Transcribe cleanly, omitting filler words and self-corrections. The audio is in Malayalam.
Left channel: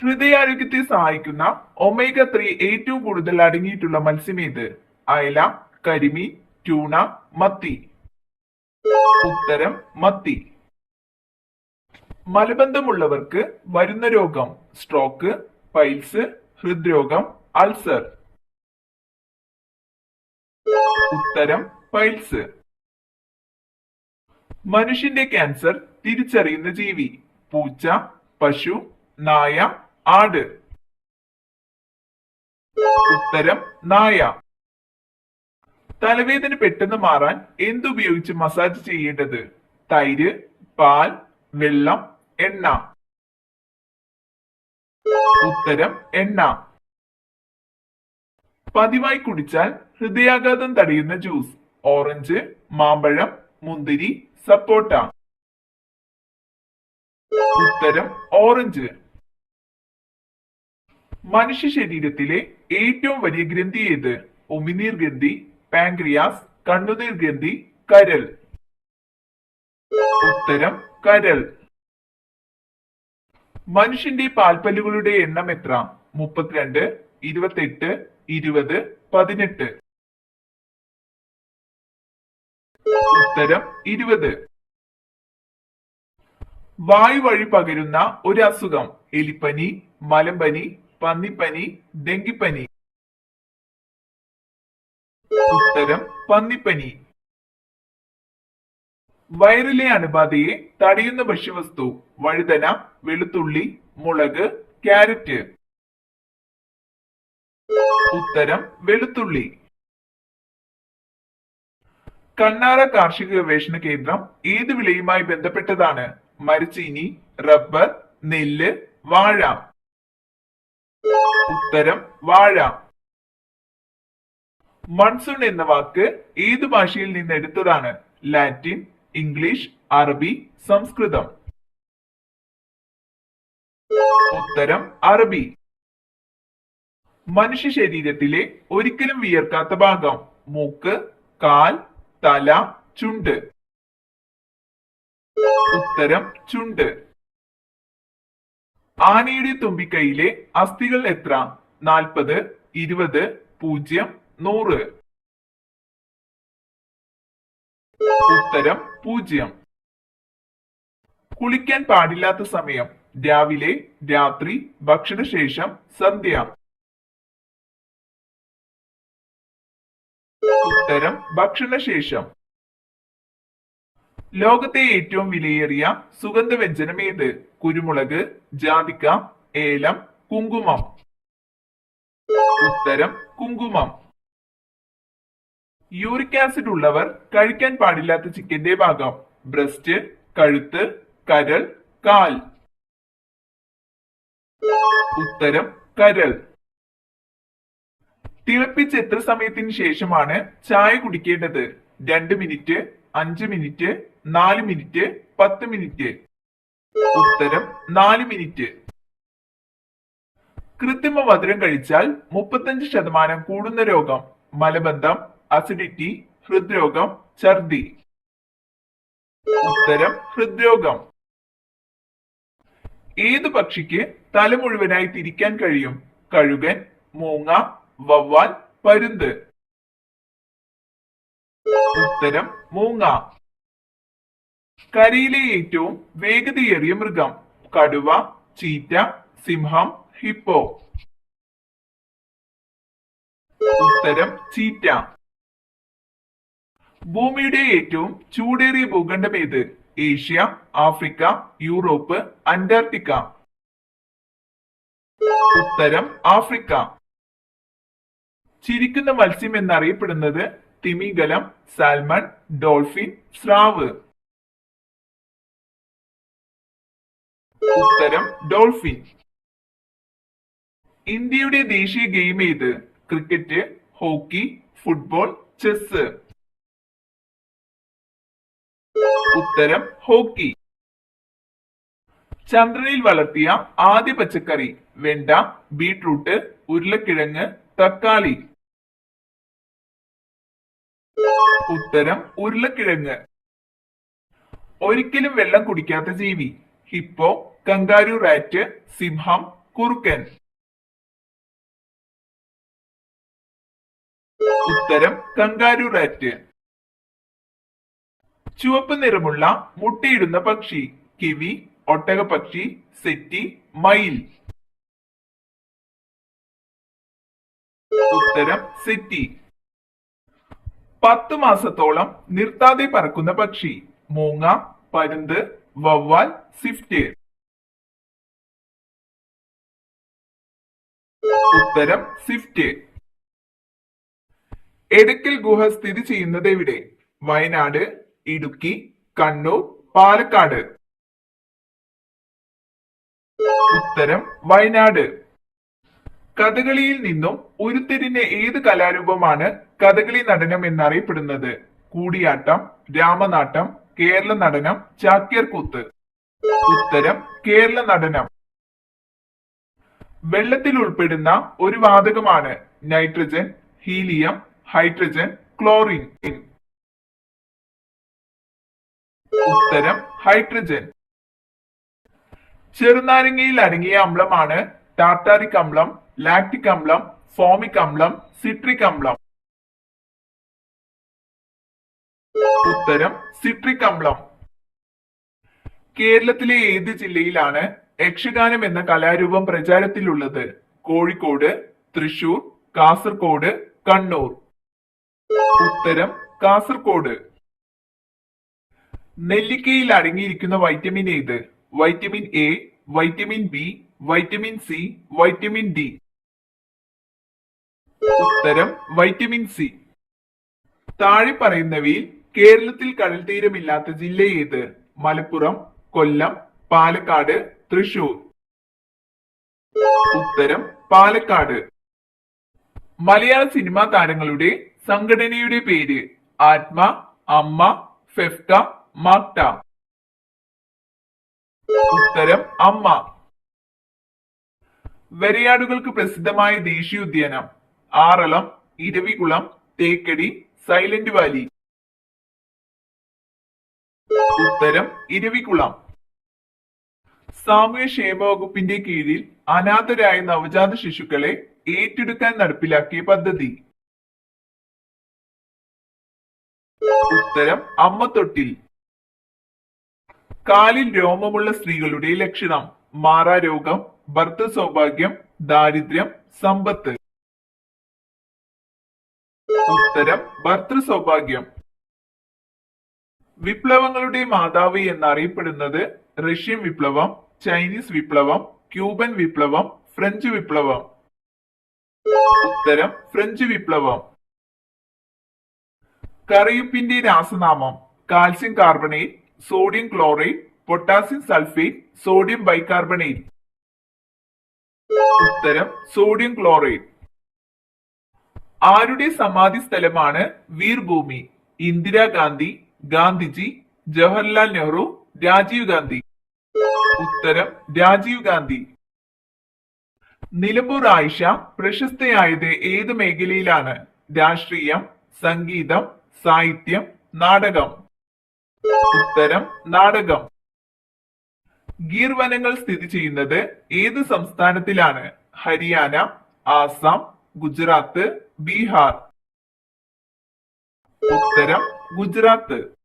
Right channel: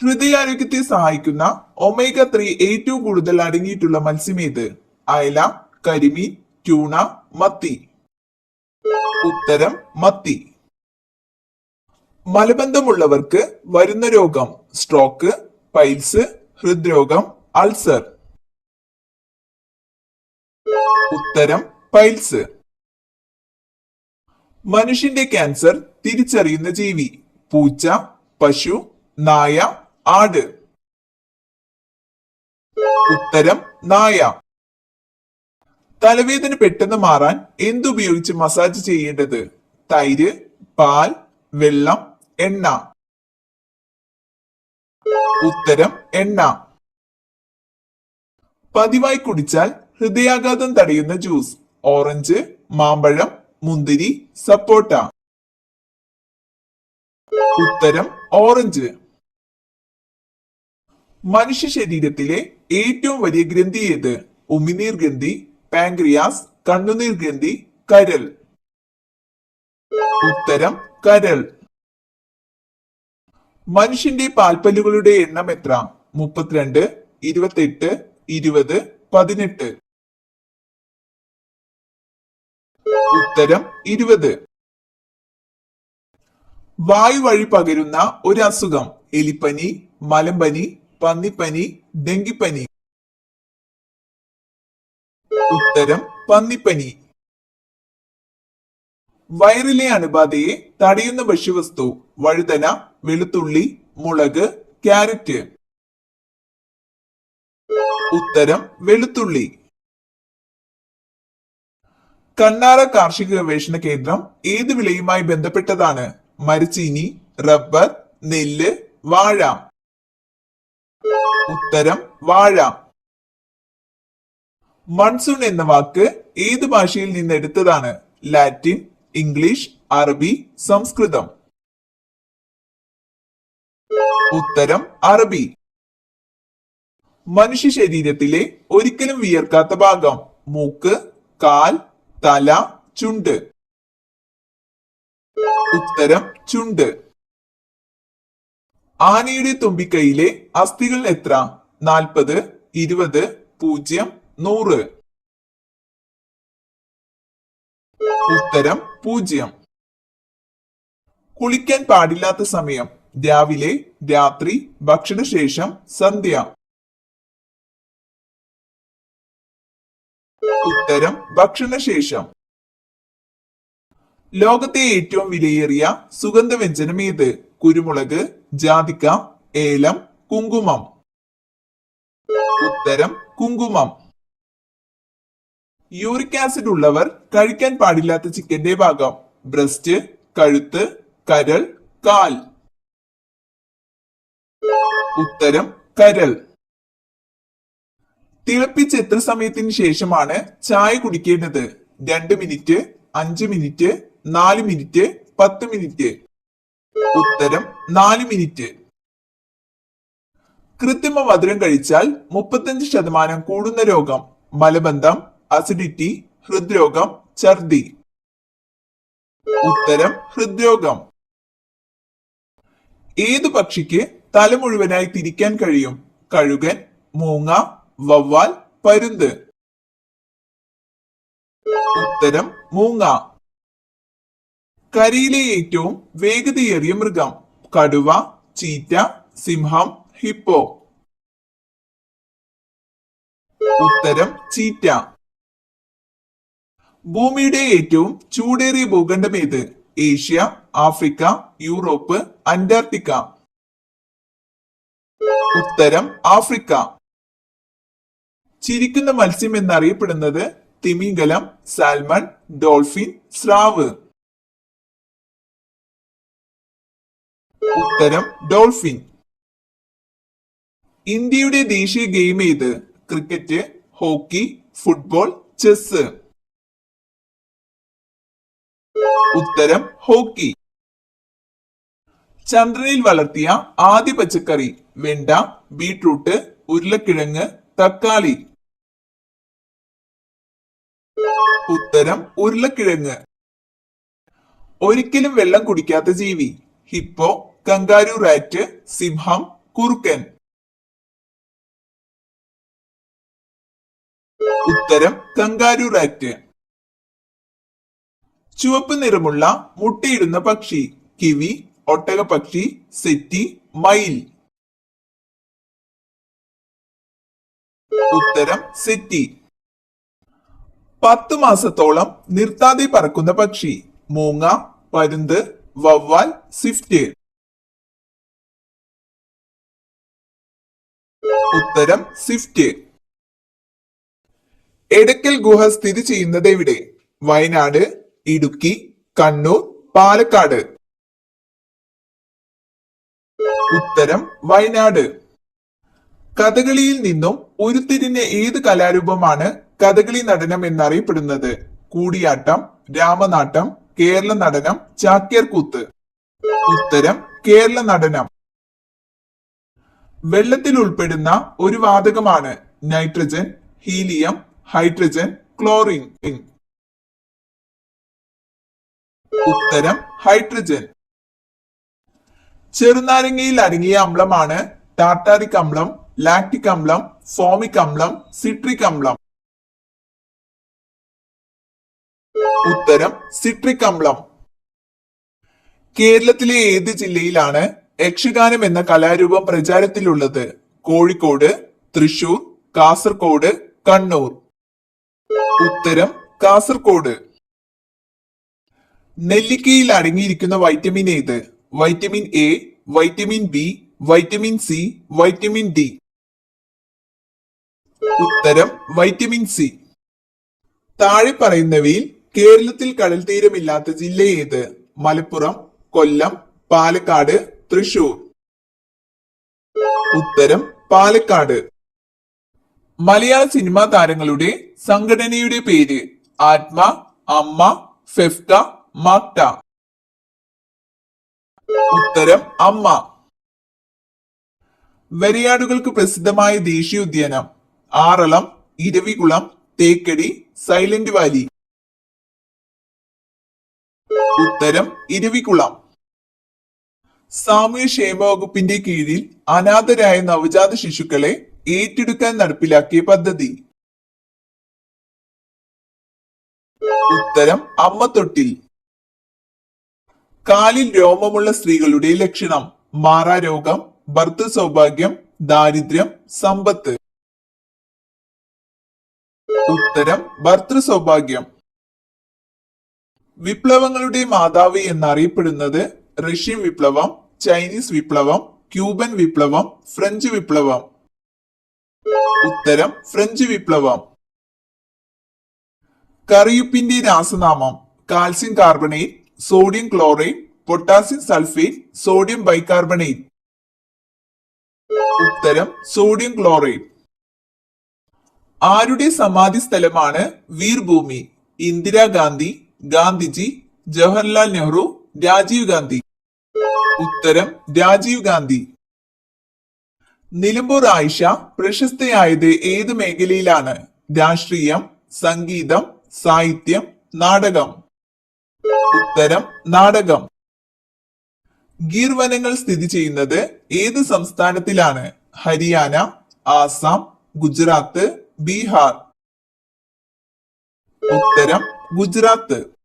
ഹൃദയാരോഗ്യത്തെ സഹായിക്കുന്ന ഒമേഗ 3 ഏറ്റവും കൂടുതൽ അടങ്ങിയിട്ടുള്ള മത്സ്യമേത്? അയല, കരിമീൻ, ട്യൂണ, മത്തി. ഉത്തരം മത്തി. മലബന്ധമുള്ളവർക്ക് വരുന്ന രോഗം: സ്ട്രോക്ക്, പൈൽസ്, ഹൃദ്രോഗം, അൾസർ. ഉത്തരം പൈൽസ്. മനുഷ്യന്റെ ക്യാൻസർ തിരിച്ചറിയുന്ന ജീവി: പൂച്ച, പശു, നായ, ആട്. ഉത്തരം നായ. തലവേദന പെട്ടെന്ന് മാറാൻ എന്തുപയോഗിച്ച് മസാജ് ചെയ്യേണ്ടത്? തൈര്, പാൽ, വെള്ളം, എണ്ണ. ഉത്തരം എണ്ണ. പതിവായി കുടിച്ചാൽ ഹൃദയാഘാതം തടയുന്ന ജ്യൂസ്: ഓറഞ്ച്, മാമ്പഴം, മുന്തിരി, സപ്പോട്ട. ഉത്തരം ഓറഞ്ച്. മനുഷ്യ ശരീരത്തിലെ ഏറ്റവും വലിയ ഗ്രന്ഥി ഏത്? ഉമിനീർ ഗ്രന്ഥി, പാൻക്രിയാസ്, കണ്ണുനീർ ഗ്രന്ഥി, കരൾ. ഉത്തരം കരൾ. മനുഷ്യന്റെ പാൽപ്പല്ലുകളുടെ എണ്ണം എത്ര? 32, 28, 20, 18. ഉത്തരം 20. വായു വഴി പകരുന്ന ഒരു അസുഖം: എലിപ്പനി, മലമ്പനി, പന്നിപ്പനി, ഡെങ്കിപ്പനി. ഉത്തരം പന്നിപ്പനി. വയറിലെ അണുബാധയെ തടയുന്ന ഭക്ഷ്യവസ്തു: വഴുതന, വെളുത്തുള്ളി, മുളക്, ക്യാരറ്റ്. ഉത്തരം വെളുത്തുള്ളി. കണ്ണാറ കാർഷിക ഗവേഷണ കേന്ദ്രം ഏത് വിളയുമായി ബന്ധപ്പെട്ടതാണ്? മരച്ചീനി, റബ്ബർ, നെല്ല്, വാഴ. ഉത്തരം വാഴ. മൺസൂൺ എന്ന വാക്ക് ഏത് ഭാഷയിൽ നിന്ന് എടുത്തതാണ്? ലാറ്റിൻ, ഇംഗ്ലീഷ്, അറബി, സംസ്കൃതം. ഉത്തരം അറബി. മനുഷ്യ ശരീരത്തിലെ ഒരിക്കലും വിയർക്കാത്ത ഭാഗം: മൂക്ക്, കാൽ, തല, ചുണ്ട്. ഉത്തരം ചുണ്ട്. ആനയുടെ തുമ്പിക്കൈയിലെ അസ്ഥികൾ എത്ര? 40, 20, 0, 100. ഉത്തരം 0. കുളിക്കാൻ പാടില്ലാത്ത സമയം: രാവിലെ, രാത്രി, ഭക്ഷണശേഷം, സന്ധ്യ. ഉത്തരം ഭക്ഷണശേഷം. ലോകത്തെ ഏറ്റവും വിലയേറിയ സുഗന്ധവ്യഞ്ജനം ഏത്? കുരുമുളക്, ജാതിക്ക, ഏലം, കുങ്കുമം. ഉത്തരം കുങ്കുമം. യൂറിക് ആസിഡ് ഉള്ളവർ കഴിക്കാൻ പാടില്ലാത്ത ചിക്കന്റെ ഭാഗം: ബ്രസ്റ്റ്, കഴുത്ത്, കരൾ, കാൽ. ഉത്തരം കരൾ. തിളപ്പിച്ച് എത്ര സമയത്തിന് ശേഷമാണ് ചായ കുടിക്കേണ്ടത്? 2 മിനിറ്റ്, 5 മിനിറ്റ്, 4 മിനിറ്റ്, 10 മിനിറ്റ്. ഉത്തരം 4 മിനിറ്റ്. കൃത്രിമ മധുരം കഴിച്ചാൽ 35% കൂടുന്ന രോഗം: മലബന്ധം, അസിഡിറ്റി, ഹൃദ്രോഗം, ഛർദി. ഉത്തരം ഹൃദ്രോഗം. ഏതു പക്ഷിക്ക് തല മുഴുവനായി തിരിക്കാൻ കഴിയും? കഴുകൻ, മൂങ്ങ, വവ്വാൽ, പരുന്ത്. ഉത്തരം മൂങ്ങ. കരയിലെ ഏറ്റവും വേഗതയേറിയ മൃഗം: കടുവ, ചീറ്റ, സിംഹം, ഹിപ്പോ. ഉത്തരം ചീറ്റ. ഭൂമിയുടെ ഏറ്റവും ചൂടേറിയ ഭൂഖണ്ഡം ഏത്? Asia, Africa, Europe, Antarctica. ഉത്തരം ആഫ്രിക്ക. ചിരിക്കുന്ന മത്സ്യം എന്നറിയപ്പെടുന്നത്: തിമിംഗലം, സാൽമൺ, ഡോൾഫിൻ, സ്രാവ്. ഉത്തരം ഡോൾഫിൻ. ഇന്ത്യയുടെ ദേശീയ ഗെയിം ഏത്? Cricket, hockey, football, chess. ഉത്തരം ഹോക്കി. ചന്ദ്രനിൽ വളർത്തിയ ആദ്യ പച്ചക്കറി: വെണ്ട, ബീട്രൂട്ട്, ഉരുളക്കിഴങ്ങ്, തക്കാളി. ഉത്തരം ഉരുളക്കിഴങ്ങ്. ഒരിക്കലും വെള്ളം കുടിക്കാത്ത ജീവി: ഹിപ്പോ, കങ്കാരു റാറ്റ്, സിംഹം, കുറുക്കൻ. ഉത്തരം കങ്കാരു റാറ്റ്. ചുവപ്പ് നിറമുള്ള മുട്ടയിടുന്ന പക്ഷി. കിവി, ഒട്ടകപക്ഷി, സെറ്റി, മയിൽ. ഉത്തരം സെറ്റി. 10 മാസത്തോളം നിർത്താതെ പറക്കുന്ന പക്ഷി. മൂങ്ങ, പരുന്ത്, വവ്വാൽ, സ്വിഫ്റ്റ്. ഉത്തരം സ്വിഫ്റ്റ്. എടക്കൽ ഗുഹ സ്ഥിതി ചെയ്യുന്നത് എവിടെ? വയനാട്, ഇടുക്കി, കണ്ണൂർ, പാലക്കാട്. ഉത്തരം വയനാട്. കഥകളിയിൽ നിന്നും ഉരുത്തിരിഞ്ഞ ഏത് കലാരൂപമാണ് കഥകളി നടനം എന്നറിയപ്പെടുന്നത്? കൂടിയാട്ടം, രാമനാട്ടം, കേരള നടനം, ചാക്യാർ കൂത്ത്. ഉത്തരം കേരള നടനം. വെള്ളത്തിൽ ഉൾപ്പെടുന്ന ഒരു വാതകമാണ് നൈട്രജൻ, ഹീലിയം, ഹൈഡ്രജൻ, ക്ലോറിൻ. ഉത്തരം ഹൈഡ്രജൻ. ചെറുനാരങ്ങയിൽ അടങ്ങിയ അമ്ലമാണ് ടാർട്ടാറിക് അമ്ലം, ലാക്ടിക് അമ്ലം, ഫോമിക് അമ്ലം, സിട്രിക് അമ്ലം. ഉത്തരം സിട്രിക് അമ്ലം. കേരളത്തിലെ ഏത് ജില്ലയിലാണ് യക്ഷഗാനം എന്ന കലാരൂപം പ്രചാരത്തിലുള്ളത്? കോഴിക്കോട്, തൃശൂർ, കാസർഗോഡ്, കണ്ണൂർ. ഉത്തരം കാസർഗോഡ്. നെല്ലിക്കയിൽ അടങ്ങിയിരിക്കുന്ന വൈറ്റമിൻ ഏത്? Vitamin A, vitamin B, vitamin C, vitamin D. ഉത്തരം വൈറ്റമിൻ സി. താഴെ പറയുന്നവയിൽ കേരളത്തിൽ കടൽ തീരമില്ലാത്ത ജില്ല ഏത്? മലപ്പുറം, കൊല്ലം, പാലക്കാട്, തൃശൂർ. ഉത്തരം പാലക്കാട്. മലയാള സിനിമാ താരങ്ങളുടെ സംഘടനയുടെ പേര്? ആത്മ, അമ്മ, ഫെഫ്ക, മാക്ട. ഉത്തരം അമ്മ. വരയാടുകൾക്ക് പ്രസിദ്ധമായ ദേശീയോദ്യാനം? Aralam, Eravikulam, Thekkady, silent Valley. ഉത്തരം ഇരവികുളം. സാമൂഹ്യക്ഷേമ വകുപ്പിന്റെ കീഴിൽ അനാഥരായ നവജാത ശിശുക്കളെ ഏറ്റെടുക്കാൻ നടപ്പിലാക്കിയ പദ്ധതി? ഉത്തരം അമ്മ തൊട്ടിൽ. കാലിൽ രോമമുള്ള സ്ത്രീകളുടെ ലക്ഷണം? മാറാരോഗം, ഭർത്തൃ സൗഭാഗ്യം, ദാരിദ്ര്യം, സമ്പത്ത്. ഉത്തരം ഭർത്തൃ സൗഭാഗ്യം. വിപ്ലവങ്ങളുടെ മാതാവ് എന്നറിയപ്പെടുന്നത്? റഷ്യൻ വിപ്ലവം, ചൈനീസ് വിപ്ലവം, ക്യൂബൻ വിപ്ലവം, ഫ്രഞ്ച് വിപ്ലവം. ഉത്തരം ഫ്രഞ്ച് വിപ്ലവം. കറിയുപ്പിന്റെ രാസനാമം? Calcium carbonate, sodium chlorate, potassium sulphate, sodium bicarbonate. ഉത്തരം സോഡിയം ക്ലോറേറ്റ്. ആരുടെ സമാധി സ്ഥലമാണ് വീർഭൂമി? ഇന്ദിരാഗാന്ധി, ഗാന്ധിജി, ജവഹർലാൽ നെഹ്റു, രാജീവ് ഗാന്ധി. ഉത്തരം രാജീവ് ഗാന്ധി. നിലമ്പൂർ ആയിഷ പ്രശസ്തയായത് ഏത് മേഖലയിലാണ്? രാഷ്ട്രീയം, സംഗീതം, സാഹിത്യം, നാടകം. ഉത്തരം നാടകം. ഗീർ വനങ്ങൾ സ്ഥിതി ചെയ്യുന്നത് ഏത് സംസ്ഥാനത്തിലാണ്? ഹരിയാന, ആസാം, ഗുജറാത്ത്, ബീഹാർ. ഉത്തരം ഗുജറാത്ത്.